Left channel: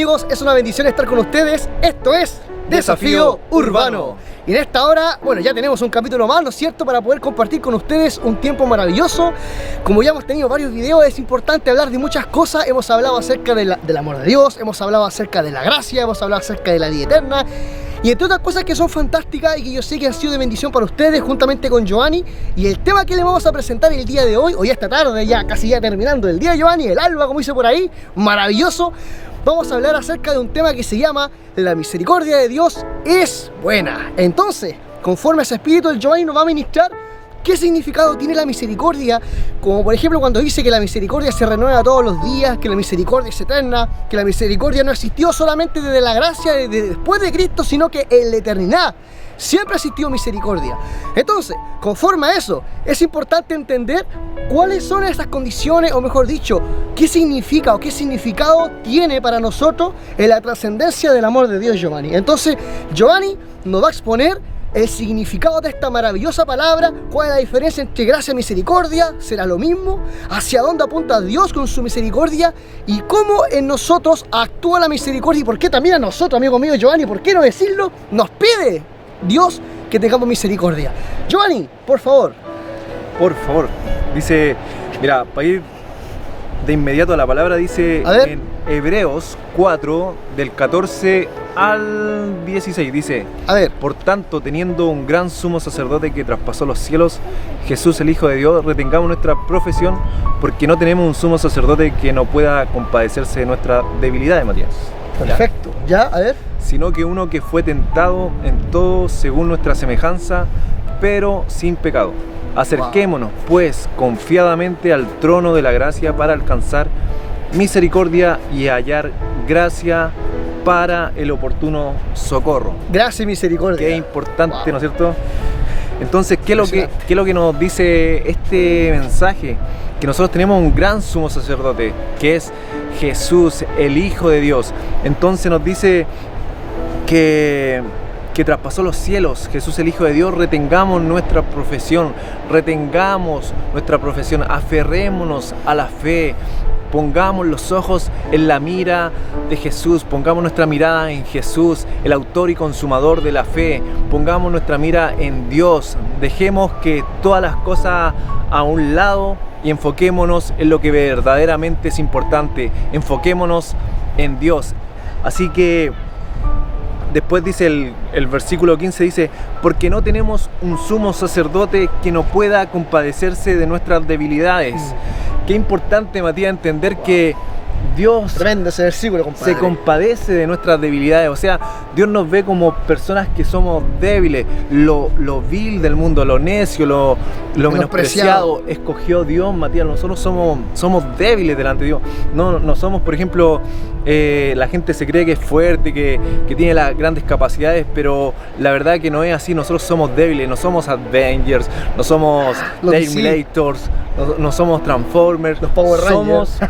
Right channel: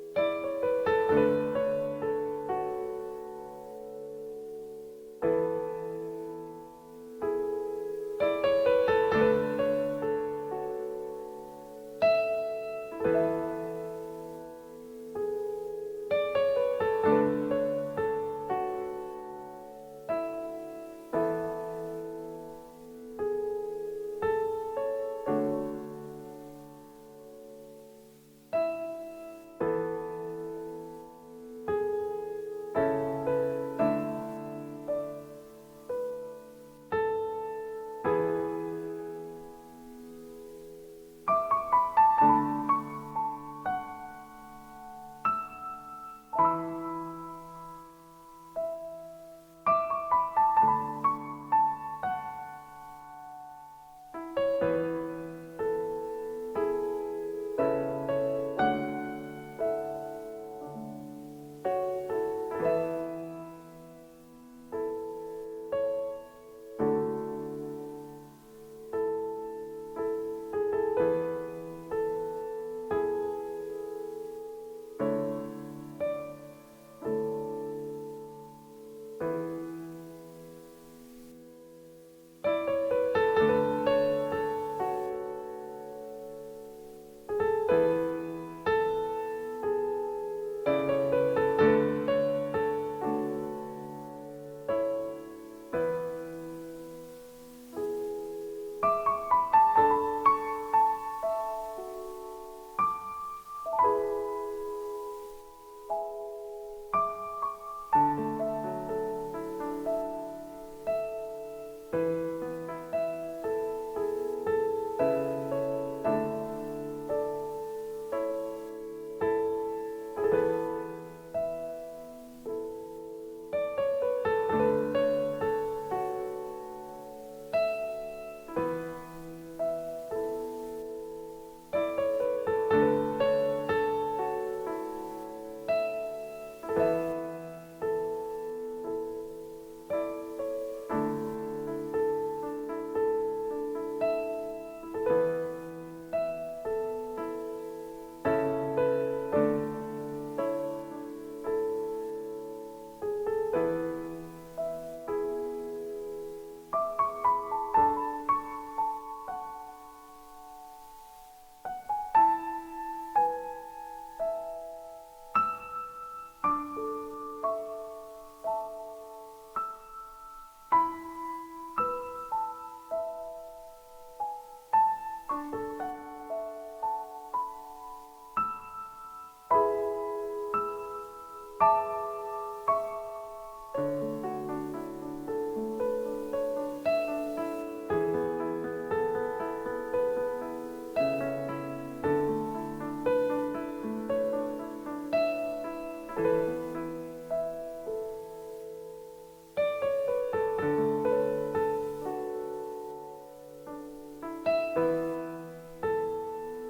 amigos? Es una bendición estar con ustedes. Esto es Desafío Urbano. Y en esta hora, bueno, ya tenemos un capítulo más, ¿no es cierto?, para poder compartir con ustedes un tiempo maravilloso. Como ya hemos tenido varios videos, es importante hablar de muchas cosas. Hemos hablado acerca del amor de Dios, hemos hablado acerca de la gracia, hemos hablado acerca de la vida eterna. Y entre otras cosas que son fantásticas y que yo sé que han sido de bendición para ustedes, juntamente con Giovanni. Y el tema que le vamos a presentar el día de hoy, o ya esta tarde, ya casi ya terminando el día, Giovanni, el alba, como dice por ahí, maravilloso. Vamos a hablar acerca de un tema que se llama La misericordia de Dios es buena. Entonces, conforme a ese espíritu, el Giovanni nos va a ministrar qué significado tiene la misericordia, como por ejemplo cuando dice que la misericordia se renueva todos los días, que la misericordia es eterna, que la misericordia no existió solamente desde la gracia después de Cristo, sino que en la eternidad siempre ha existido misericordia. Entonces, conforme a eso, es importante entender cuáles son esas condiciones, o mejor dicho, qué significa o qué significado tiene para nosotros en la trascendencia del amor de Dios, Giovanni. Entonces, Giovanni nos va a exponer el significado de esta maravillosa palabra, cuál es la diferencia entre gracia y misericordia, será lo mismo, hacia dónde apunta Dios con su misericordia y cómo en nosotros actúa la misericordia y por qué también a nosotros, amigo mío Giovanni, por qué no decirlo, nos pide Dios que tengamos misericordia. Giovanni, por favor. Por favor. Dice, mira, para ir de inmediato a la palabra, dice en Hebreos 4, del 14 al 16, dice: por tanto, teniendo un gran sumo sacerdote que traspasó los cielos, Jesús el Hijo de Dios, retengamos nuestra profesión, porque no tenemos un sumo sacerdote que no pueda compadecerse de nuestra debilidad, Matías. Perfecto, ya, sino que uno que fue tentado en todo según nuestra semejanza, pero sin pecado. Acerquémonos, pues, confiadamente al trono de la gracia para alcanzar misericordia y hallar gracia para el oportuno socorro. Gracia y misericordia. Qué importante, ¿no es cierto? Entonces, ¿qué es lo que nos dice este mensaje? Que nosotros tenemos un gran sumo sacerdote, que es Jesús, el Hijo de Dios. Entonces nos dice que traspasó los cielos, Jesús el Hijo de Dios. Retengamos nuestra profesión, aferrémonos a la fe, pongamos los ojos en la mira de Jesús, pongamos nuestra mirada en Jesús, el autor y consumador de la fe, pongamos nuestra mira en Dios, dejemos que todas las cosas a un lado y enfoquémonos en lo que verdaderamente es importante, enfoquémonos en Dios. Así que después dice el versículo 15, dice: porque no tenemos un sumo sacerdote que no pueda compadecerse de nuestras debilidades. Qué importante, Matías, entender que Dios ese versículo, se compadece de nuestras debilidades. O sea, Dios nos ve como personas que somos débiles, lo vil del mundo, lo necio, lo menospreciado. Escogió Dios, Matías. Nosotros somos débiles delante de Dios. No somos, por ejemplo, la gente se cree que es fuerte, que tiene las grandes capacidades, pero la verdad que no es así. Nosotros somos débiles, no somos Avengers, no somos Terminators, no somos Transformers, los Power Rangers. Somos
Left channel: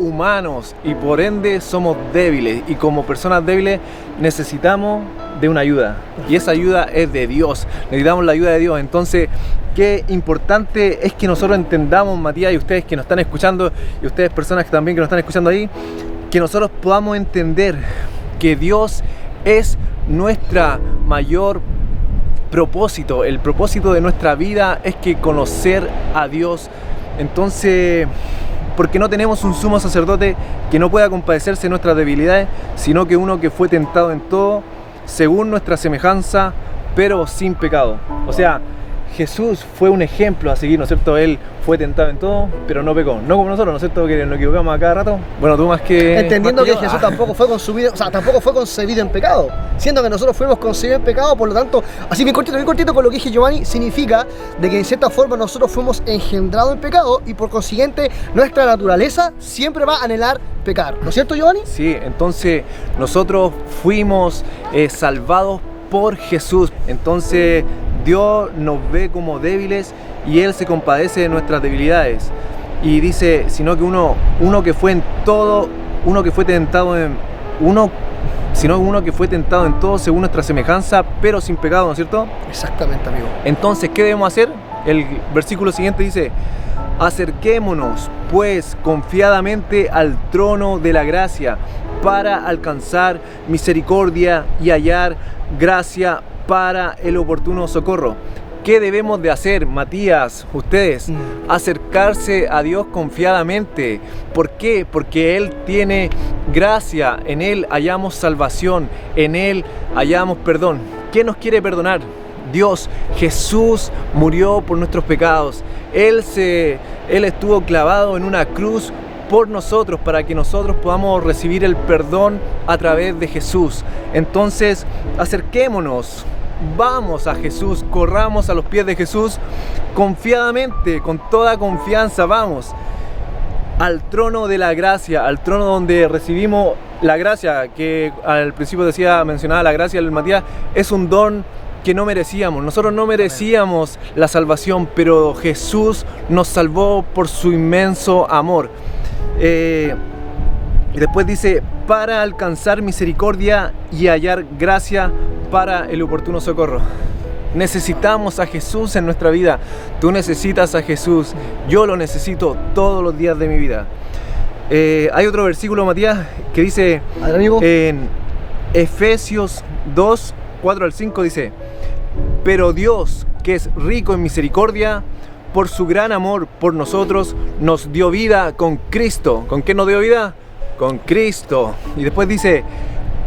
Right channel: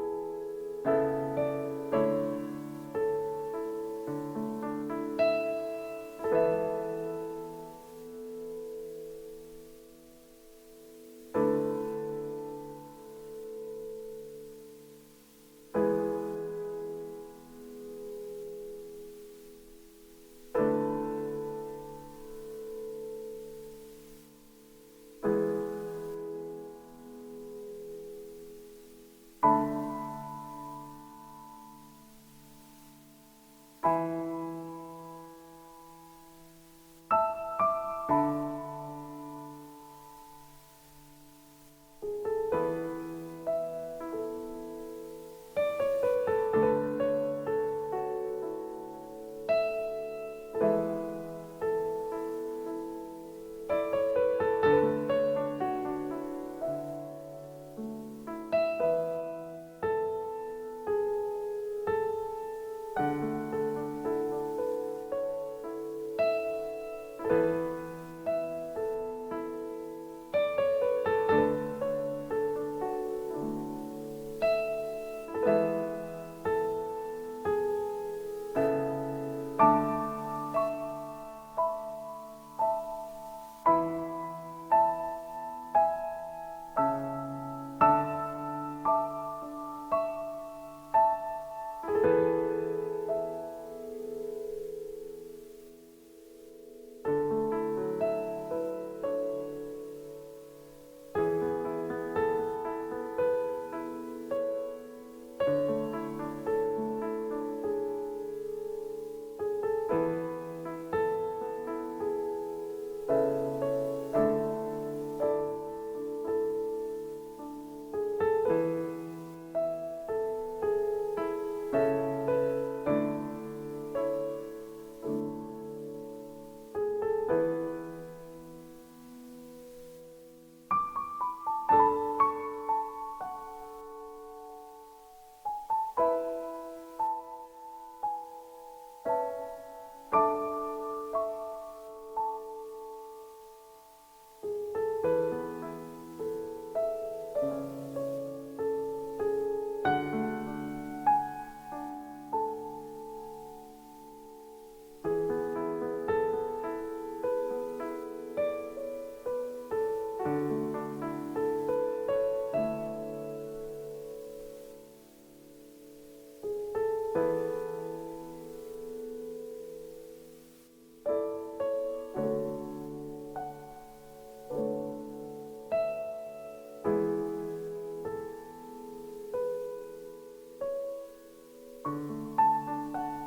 humanos y por ende somos débiles, y como personas débiles necesitamos de una ayuda, y esa ayuda es de Dios. Necesitamos la ayuda de Dios. Entonces, qué importante es que nosotros entendamos, Matías, y ustedes que nos están escuchando, y ustedes personas que también que nos están escuchando ahí, que nosotros podamos entender que Dios es nuestra mayor propósito. El propósito de nuestra vida es que conocer a Dios. Entonces, porque no tenemos un sumo sacerdote que no pueda compadecerse de nuestras debilidades, sino que uno que fue tentado en todo según nuestra semejanza, pero sin pecado. O sea, Jesús fue un ejemplo a seguir, ¿no es cierto? Él fue tentado en todo, pero no pecó. No como nosotros, ¿no es cierto? Que nos equivocamos a cada rato. Bueno, tú más que... Entendiendo que Jesús tampoco fue concebido en pecado. Siendo que nosotros fuimos concebidos en pecado, por lo tanto, así bien cortito con lo que dije, Giovanni, significa de que en cierta forma nosotros fuimos engendrados en pecado y por consiguiente nuestra naturaleza siempre va a anhelar pecar. ¿No es cierto, Giovanni? Sí, entonces nosotros fuimos salvados por Jesús. Entonces Dios nos ve como débiles y Él se compadece de nuestras debilidades. Y dice, sino que uno que fue en todo, uno que fue tentado en todo según nuestra semejanza, pero sin pecado, ¿no es cierto? Exactamente, amigo. Entonces, ¿qué debemos hacer? El versículo siguiente dice: Acerquémonos, pues, confiadamente al trono de la gracia para alcanzar misericordia y hallar gracia para el oportuno socorro. ¿Qué debemos de hacer, Matías, ustedes? Acercarse a Dios confiadamente. ¿Por qué? Porque Él tiene gracia, en Él hallamos salvación, en Él hallamos perdón. ¿Qué nos quiere perdonar? Dios. Jesús murió por nuestros pecados. Él estuvo clavado en una cruz por nosotros, para que nosotros podamos recibir el perdón a través de Jesús. Entonces, acerquémonos. Vamos a Jesús, corramos a los pies de Jesús confiadamente, con toda confianza. Vamos al trono de la gracia, al trono donde recibimos la gracia, que al principio mencionaba la gracia del Matías, es un don que no merecíamos. Nosotros no merecíamos la salvación, pero Jesús nos salvó por su inmenso amor. Y después dice, para alcanzar misericordia y hallar gracia para el oportuno socorro. Necesitamos a Jesús en nuestra vida. Tú necesitas a Jesús. Yo lo necesito todos los días de mi vida. Hay otro versículo, Matías, que dice en Efesios 2, 4 al 5, dice: pero Dios, que es rico en misericordia, por su gran amor por nosotros, nos dio vida con Cristo. ¿Con qué nos dio vida? Con Cristo. Y después dice,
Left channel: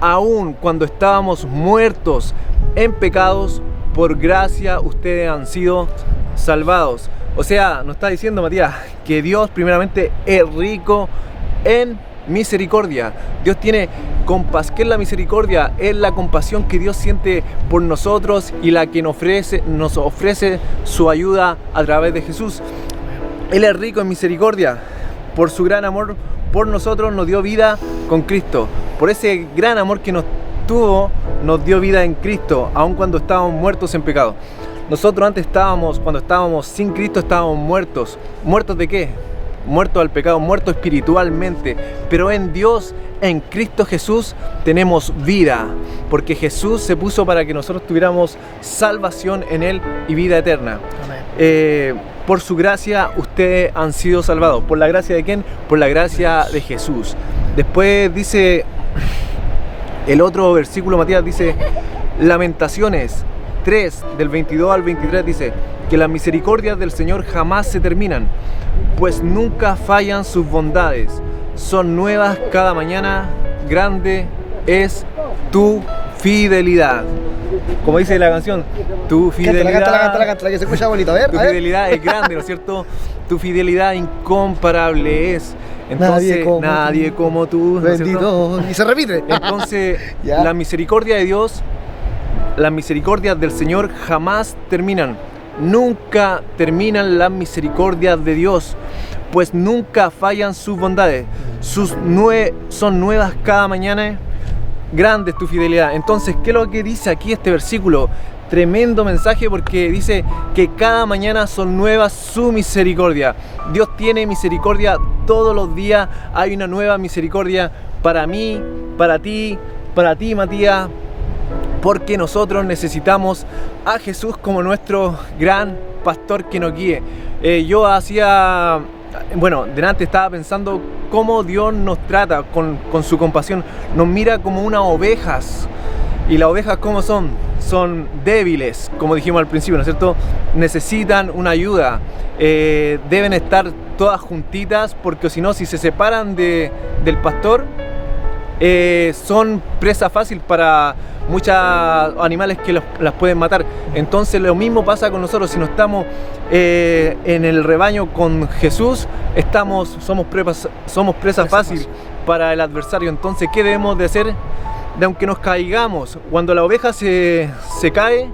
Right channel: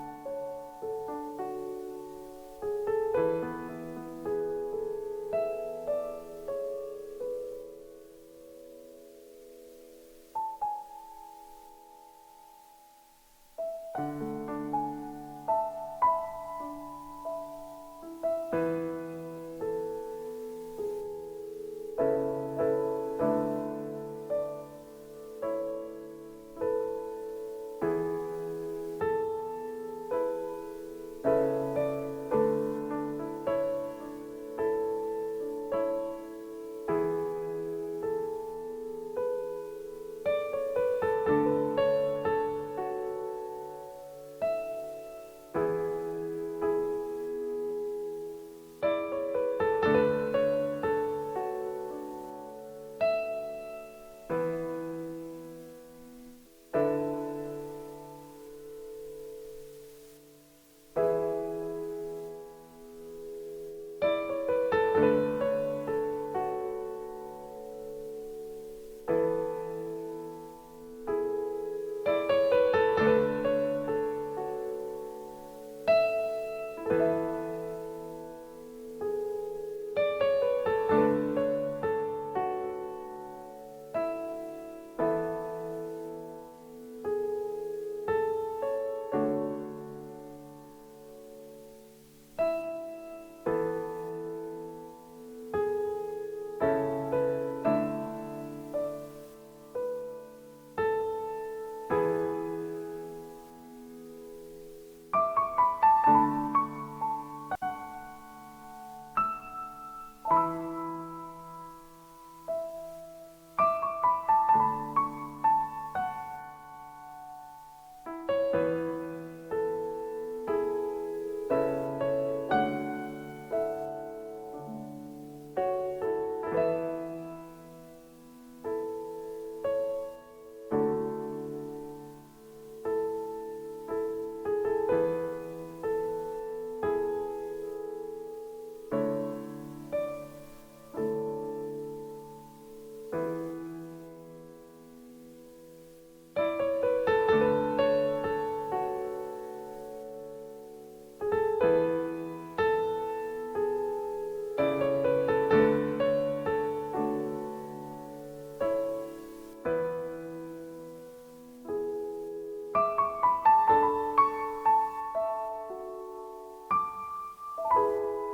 aun cuando estábamos muertos en pecados, por gracia ustedes han sido salvados. O sea, nos está diciendo, Matías, que Dios primeramente es rico en misericordia. Dios tiene compasión. ¿Qué es la misericordia? Es la compasión que Dios siente por nosotros y la que nos ofrece su ayuda a través de Jesús. Él es rico en misericordia. Por su gran amor por nosotros nos dio vida con Cristo. Por ese gran amor que nos tuvo, nos dio vida en Cristo, aun cuando estábamos muertos en pecado. Nosotros antes cuando estábamos sin Cristo, estábamos muertos. ¿Muertos de qué? Muertos al pecado, muertos espiritualmente. Pero en Dios, en Cristo Jesús, tenemos vida. Porque Jesús se puso para que nosotros tuviéramos salvación en Él y vida eterna. Por su gracia ustedes han sido salvados. ¿Por la gracia de quién? Por la gracia de Jesús. Después dice el otro versículo, Matías, dice Lamentaciones 3, del 22 al 23, dice que las misericordias del Señor jamás se terminan, pues nunca fallan sus bondades. Son nuevas cada mañana, grande es tu fidelidad. Como dice la canción, tu fidelidad. Cántala, que se escucha bonito. A ver, tu fidelidad es grande, ¿no es cierto? Tu fidelidad incomparable es. Entonces, nadie como tú, ¿no es cierto? Y se repite. Entonces, la misericordia de Dios, las misericordias del Señor jamás terminan. Nunca terminan las misericordias de Dios, pues nunca fallan sus bondades. Son nuevas cada mañana. Grande es tu fidelidad. Entonces, ¿qué es lo que dice aquí este versículo? Tremendo mensaje, porque dice que cada mañana son nuevas su misericordia. Dios tiene misericordia todos los días. Hay una nueva misericordia para mí, para ti, Matías, porque nosotros necesitamos a Jesús como nuestro gran pastor que nos guíe. Delante estaba pensando cómo Dios nos trata con su compasión. Nos mira como unas ovejas. ¿Y las ovejas cómo son? Son débiles, como dijimos al principio, ¿no es cierto? Necesitan una ayuda. Deben estar todas juntitas, porque si no, si se separan del pastor, son presa fácil para muchos animales que las pueden matar. Entonces lo mismo pasa con nosotros. Si no estamos en el rebaño con Jesús, somos presa fácil para el adversario. Entonces, ¿qué debemos de hacer? Aunque nos caigamos, cuando la oveja se cae,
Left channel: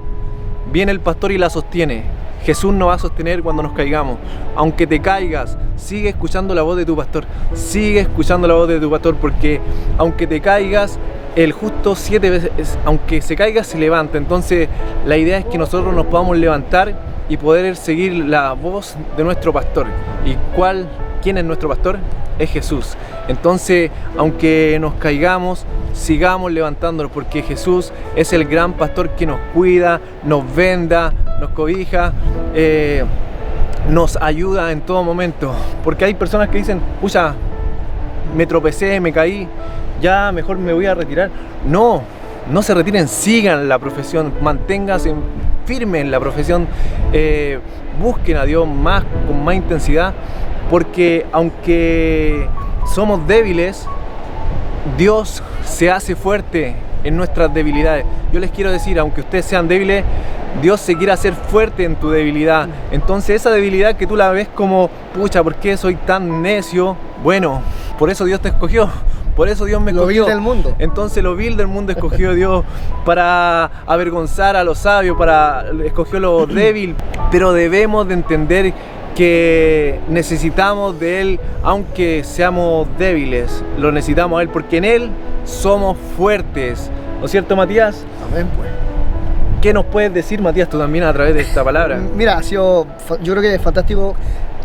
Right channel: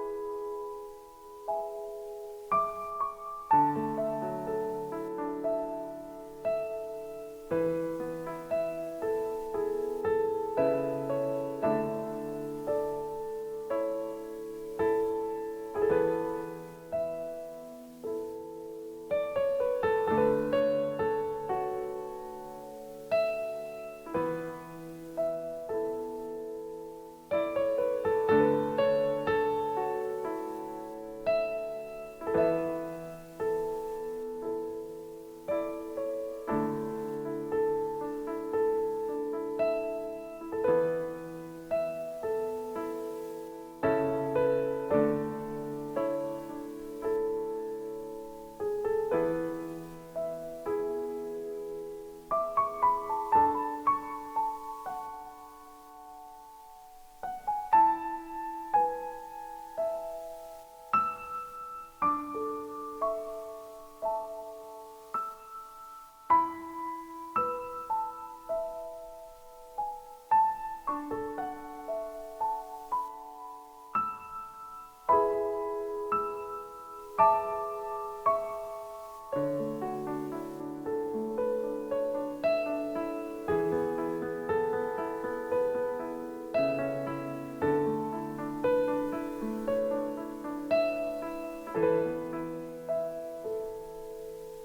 viene el pastor y la sostiene. Jesús nos va a sostener cuando nos caigamos. Aunque te caigas, sigue escuchando la voz de tu pastor. Sigue escuchando la voz de tu pastor, porque aunque te caigas, el justo 7 veces, aunque se caiga, se levanta. Entonces, la idea es que nosotros nos podamos levantar y poder seguir la voz de nuestro pastor. ¿Y quién es nuestro pastor? Es Jesús. Entonces, aunque nos caigamos, sigamos levantándonos, porque Jesús es el gran pastor que nos cuida, nos venda, nos cobija. nos ayuda en todo momento. Porque hay personas que dicen, pucha, me tropecé, me caí, ya mejor me voy a retirar. No, no se retiren, sigan la profesión, manténganse firmes en la profesión, busquen a Dios con más intensidad, porque aunque somos débiles, Dios se hace fuerte en nuestras debilidades. Yo les quiero decir, aunque ustedes sean débiles, Dios se quiere hacer fuerte en tu debilidad. Entonces esa debilidad que tú la ves como, pucha, ¿por qué soy tan necio? Bueno, por eso Dios te escogió. Por eso Dios me escogió. Lo vil del mundo. Entonces lo vil del mundo escogió Dios para avergonzar a los sabios, escogió lo débil. Pero debemos de entender que necesitamos de Él, aunque seamos débiles, lo necesitamos a Él, porque en Él somos fuertes. ¿No es cierto, Matías? Amén, pues. ¿Qué nos puedes decir, Matías, tú también a través de esta palabra? Mira, yo creo que es fantástico,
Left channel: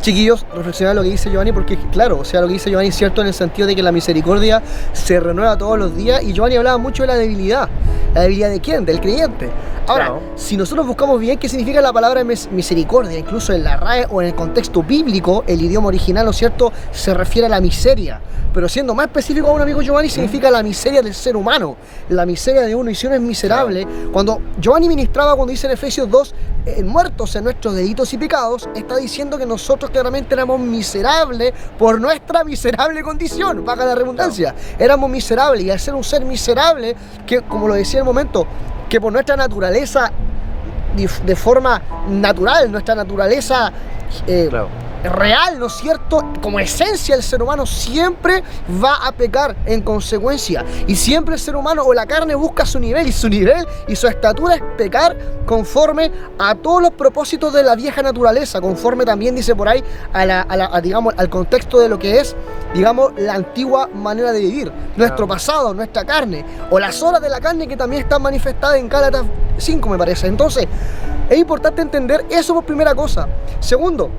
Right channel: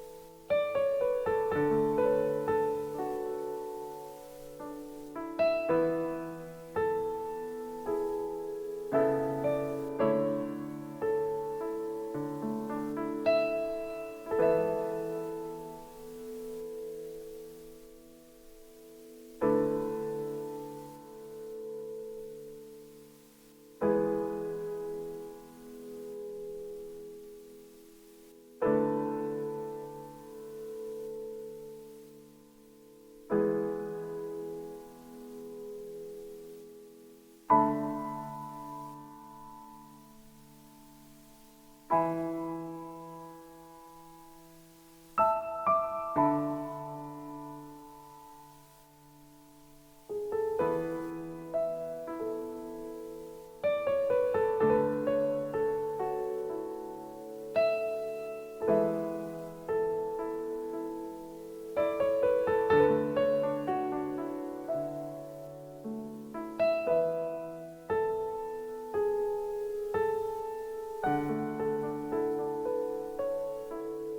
chiquillos, reflexionar lo que dice Giovanni, porque claro, o sea, lo que dice Giovanni es cierto en el sentido de que la misericordia se renueva todos los días, y Giovanni hablaba mucho de la debilidad. ¿La debilidad de quién? Del creyente. Ahora, Claro. si nosotros buscamos bien qué significa la palabra misericordia, incluso en la RAE o en el contexto bíblico, el idioma original, ¿no es cierto?, se refiere a la miseria. Pero siendo más específico aún, amigo Giovanni, significa la miseria del ser humano, la miseria de uno, y si uno es miserable. Cuando Giovanni ministraba, cuando dice en Efesios 2, muertos en nuestros delitos y pecados, está diciendo que nosotros claramente éramos miserables por nuestra miserable condición, valga la redundancia. Éramos miserables, y al ser un ser miserable, que como lo decía en el momento, que por nuestra naturaleza, de forma natural, nuestra naturaleza real, ¿no es cierto?, como esencia, el ser humano siempre va a pecar en consecuencia, y siempre el ser humano o la carne busca su nivel, y su estatura es pecar conforme a todos los propósitos de la vieja naturaleza, conforme también dice por ahí digamos, al contexto de lo que es, digamos, la antigua manera de vivir, nuestro pasado, nuestra carne, o las obras de la carne que también están manifestadas en Gálatas 5, me parece. Entonces es importante entender eso por primera cosa. Segundo,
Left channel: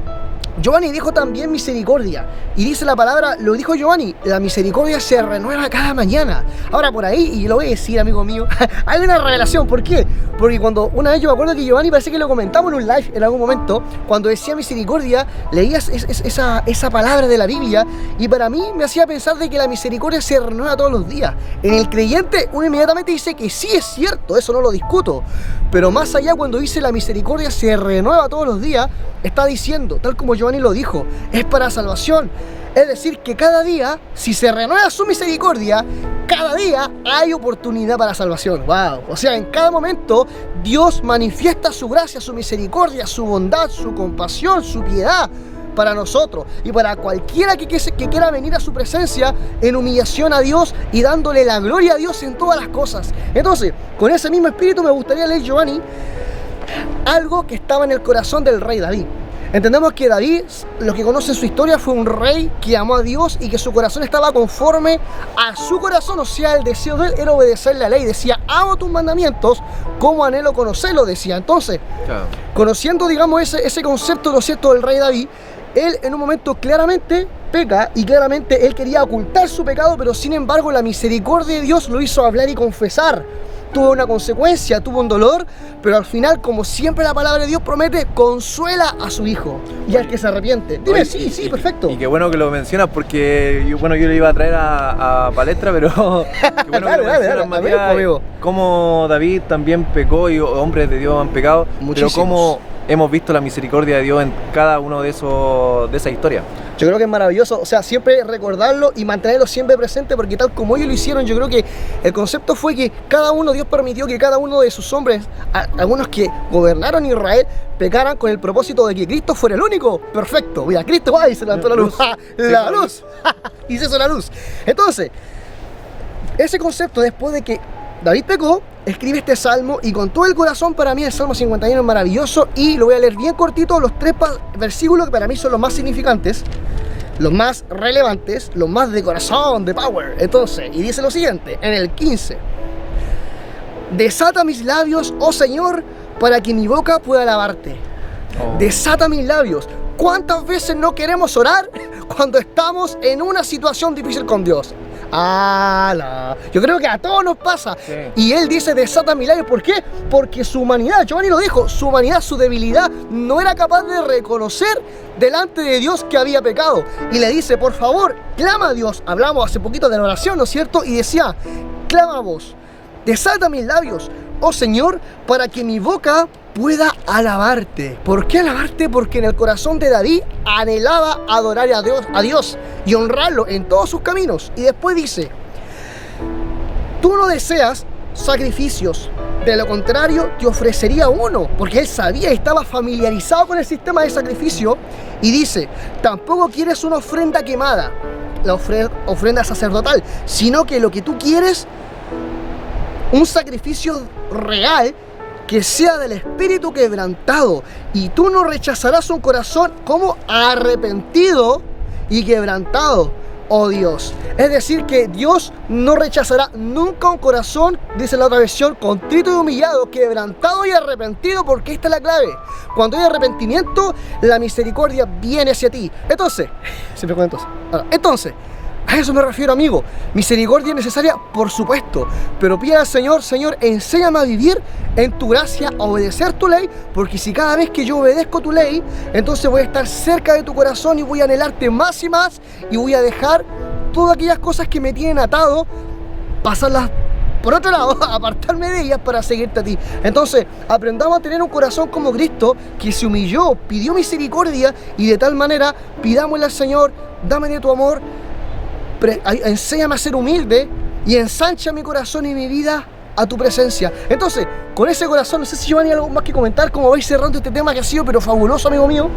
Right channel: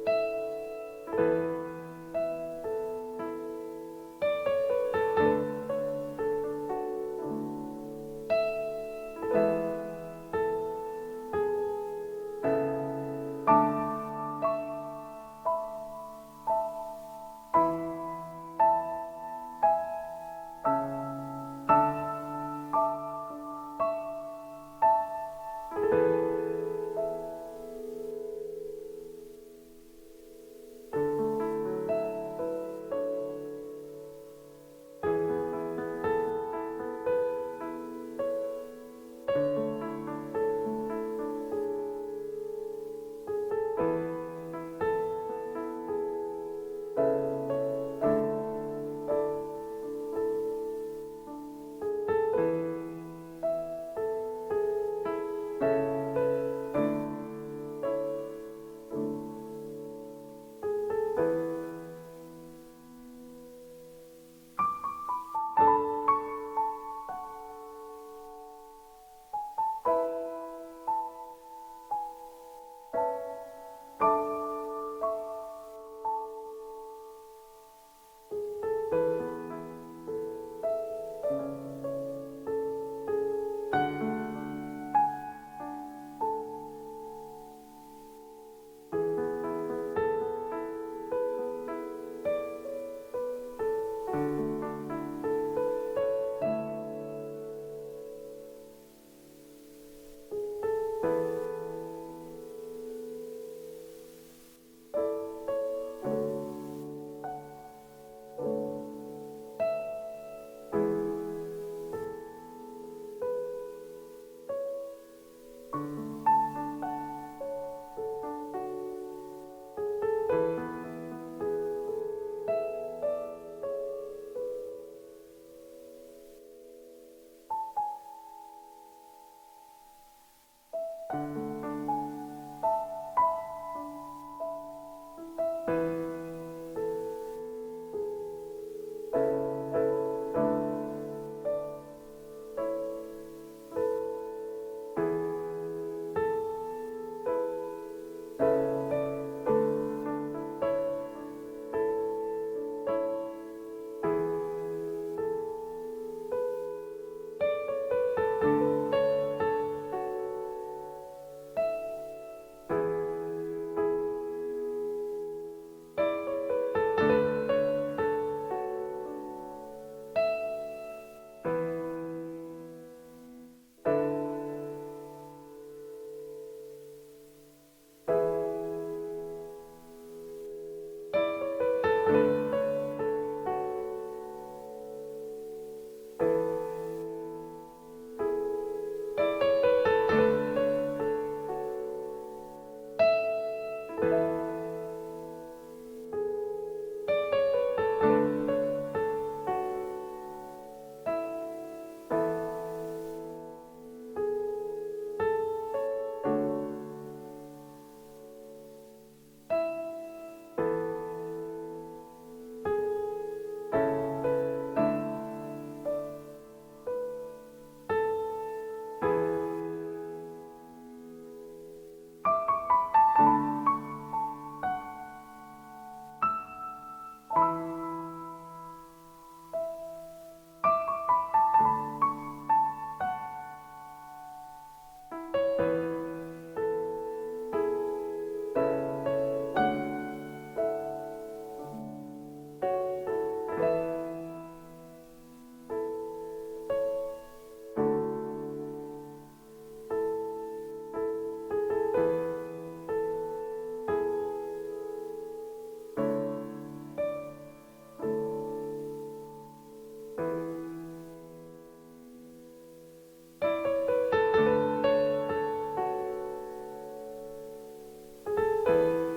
Giovanni dijo también misericordia, y dice la palabra, lo dijo Giovanni, la misericordia se renueva cada mañana. Ahora por ahí, y lo voy a decir, amigo mío, hay una revelación. ¿Por qué? Porque cuando una vez yo me acuerdo que Giovanni, parece que lo comentamos en un live en algún momento, cuando decía misericordia, leías esa palabra de la Biblia, y para mí me hacía pensar de que la misericordia se renueva todos los días. En el creyente uno inmediatamente dice que sí es cierto, eso no lo discuto, pero más allá, cuando dice la misericordia se renueva todos los días, está diciendo, tal como Giovanni lo dijo, es para salvación. Es decir, que cada día, si se renueva su misericordia, cada día hay oportunidad para salvación. ¡Wow! O sea, en cada momento Dios manifiesta su gracia, su misericordia, su bondad, su compasión, su piedad para nosotros y para cualquiera que quiera venir a su presencia en humillación a Dios y dándole la gloria a Dios en todas las cosas. Entonces, con ese mismo espíritu me gustaría leer, Giovanni, algo que estaba en el corazón del rey David. Entendemos que David, los que conocen su historia, fue un rey que amó a Dios y que su corazón estaba conforme a su corazón, o sea, el deseo de él era obedecer la ley. Decía, amo tus mandamientos, como anhelo conocerlo, decía. Entonces, conociendo, digamos, ese concepto, ¿no es cierto?, del rey David, él en un momento claramente peca, y claramente él quería ocultar su pecado, pero sin embargo la misericordia de Dios lo hizo hablar y confesar. Tuvo una consecuencia, tuvo un dolor, pero al final, como siempre la palabra de Dios promete, consuela a su hijo y al que se arrepiente. Dime, sí, perfecto. Y qué bueno que lo mencionas, porque yo le iba a traer a palestra, pero qué bueno que lo mencionas, Matías, cómo David también pecó y hombres de Dios han pecado, muchísimos. Pero cómo hemos visto la misericordia de Dios en cada uno de esa historia. Yo creo que es maravilloso, o sea, siempre recordarlo y mantenerlo siempre presente, porque tal como ellos lo hicieron, yo creo que el concepto fue que cada uno, Dios permitió que cada uno de sus hombres, algunos que gobernaron Israel, pecaran con el propósito de que Cristo fuera el único perfecto. Mira, Cristo va y se levantó la luz. La luz. Y se hizo la luz. Entonces, ese concepto, después de que David pecó, escribe este salmo, y con todo el corazón, para mí el Salmo 51 es maravilloso, y lo voy a leer bien cortito, los 3 versículos que para mí son los más significantes, los más relevantes, los más de corazón, de power. Entonces, y dice lo siguiente, en el 15: desata mis labios, oh Señor, para que mi boca pueda alabarte. Desata mis labios. ¿Cuántas veces no queremos orar cuando estamos en una situación difícil con Dios? ¡Ala! Yo creo que a todos nos pasa. Sí. Y él dice desata milagros. ¿Por qué? Porque su humanidad, Giovanni lo dijo, su humanidad, su debilidad, no era capaz de reconocer delante de Dios que había pecado. Y le dice, por favor, clama a Dios. Hablamos hace poquito de la oración, ¿no es cierto? Y decía, clama a vos, desata mis labios, oh Señor, para que mi boca pueda alabarte. ¿Por qué alabarte? Porque en el corazón de David anhelaba adorar a Dios y honrarlo en todos sus caminos. Y después dice, tú no deseas sacrificios, de lo contrario te ofrecería uno, porque él sabía y estaba familiarizado con el sistema de sacrificio. Y dice, tampoco quieres una ofrenda quemada, la ofrenda sacerdotal, sino que lo que tú quieres, un sacrificio real que sea del espíritu quebrantado. Y tú no rechazarás un corazón como arrepentido y quebrantado, oh Dios. Es decir, que Dios no rechazará nunca un corazón, dice la otra versión, contrito y humillado, quebrantado y arrepentido, porque esta es la clave. Cuando hay arrepentimiento, la misericordia viene hacia ti. Entonces, siempre cuento eso. Entonces, a eso me refiero, amigo. Misericordia es necesaria, por supuesto, pero pide al Señor, Señor, enséñame a vivir en tu gracia, a obedecer tu ley, porque si cada vez que yo obedezco tu ley, entonces voy a estar cerca de tu corazón y voy a anhelarte más y más, y voy a dejar todas aquellas cosas que me tienen atado, pasarlas por otro lado, apartarme de ellas para seguirte a ti. Entonces, aprendamos a tener un corazón como Cristo, que se humilló, pidió misericordia, y de tal manera pidámosle al Señor, dame de tu amor, enséñame a ser humilde y ensancha mi corazón y mi vida a tu presencia. Entonces, con ese corazón, no sé si Giovanni hay algo más que comentar, como vais cerrando este tema que ha sido pero fabuloso, amigo mío.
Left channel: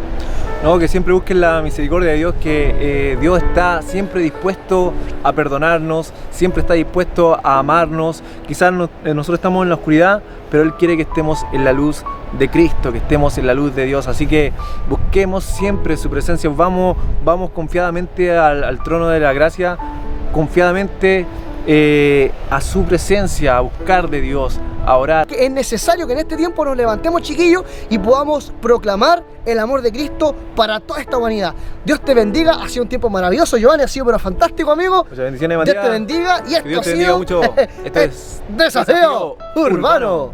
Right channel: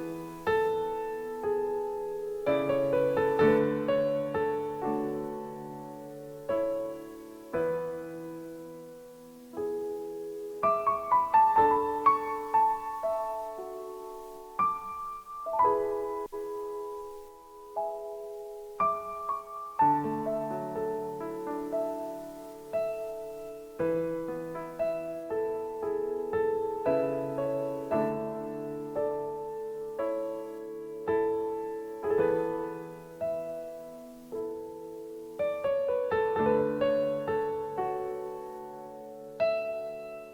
No, que siempre busquen la misericordia de Dios, que Dios está siempre dispuesto a perdonarnos, siempre está dispuesto a amarnos. Quizás nosotros estamos en la oscuridad, pero Él quiere que estemos en la luz de Cristo, que estemos en la luz de Dios. Así que busquemos siempre su presencia, vamos confiadamente al trono de la gracia, confiadamente a su presencia, a buscar de Dios, a orar. Es necesario que en este tiempo nos levantemos, chiquillos, y podamos proclamar el amor de Cristo para toda esta humanidad. Dios te bendiga, ha sido un tiempo maravilloso, Giovanni, ha sido pero fantástico, amigo. Muchas bendiciones, Matías. Dios te bendiga y esto Dios ha te bendiga sido mucho. Esto es Desafío Urbano.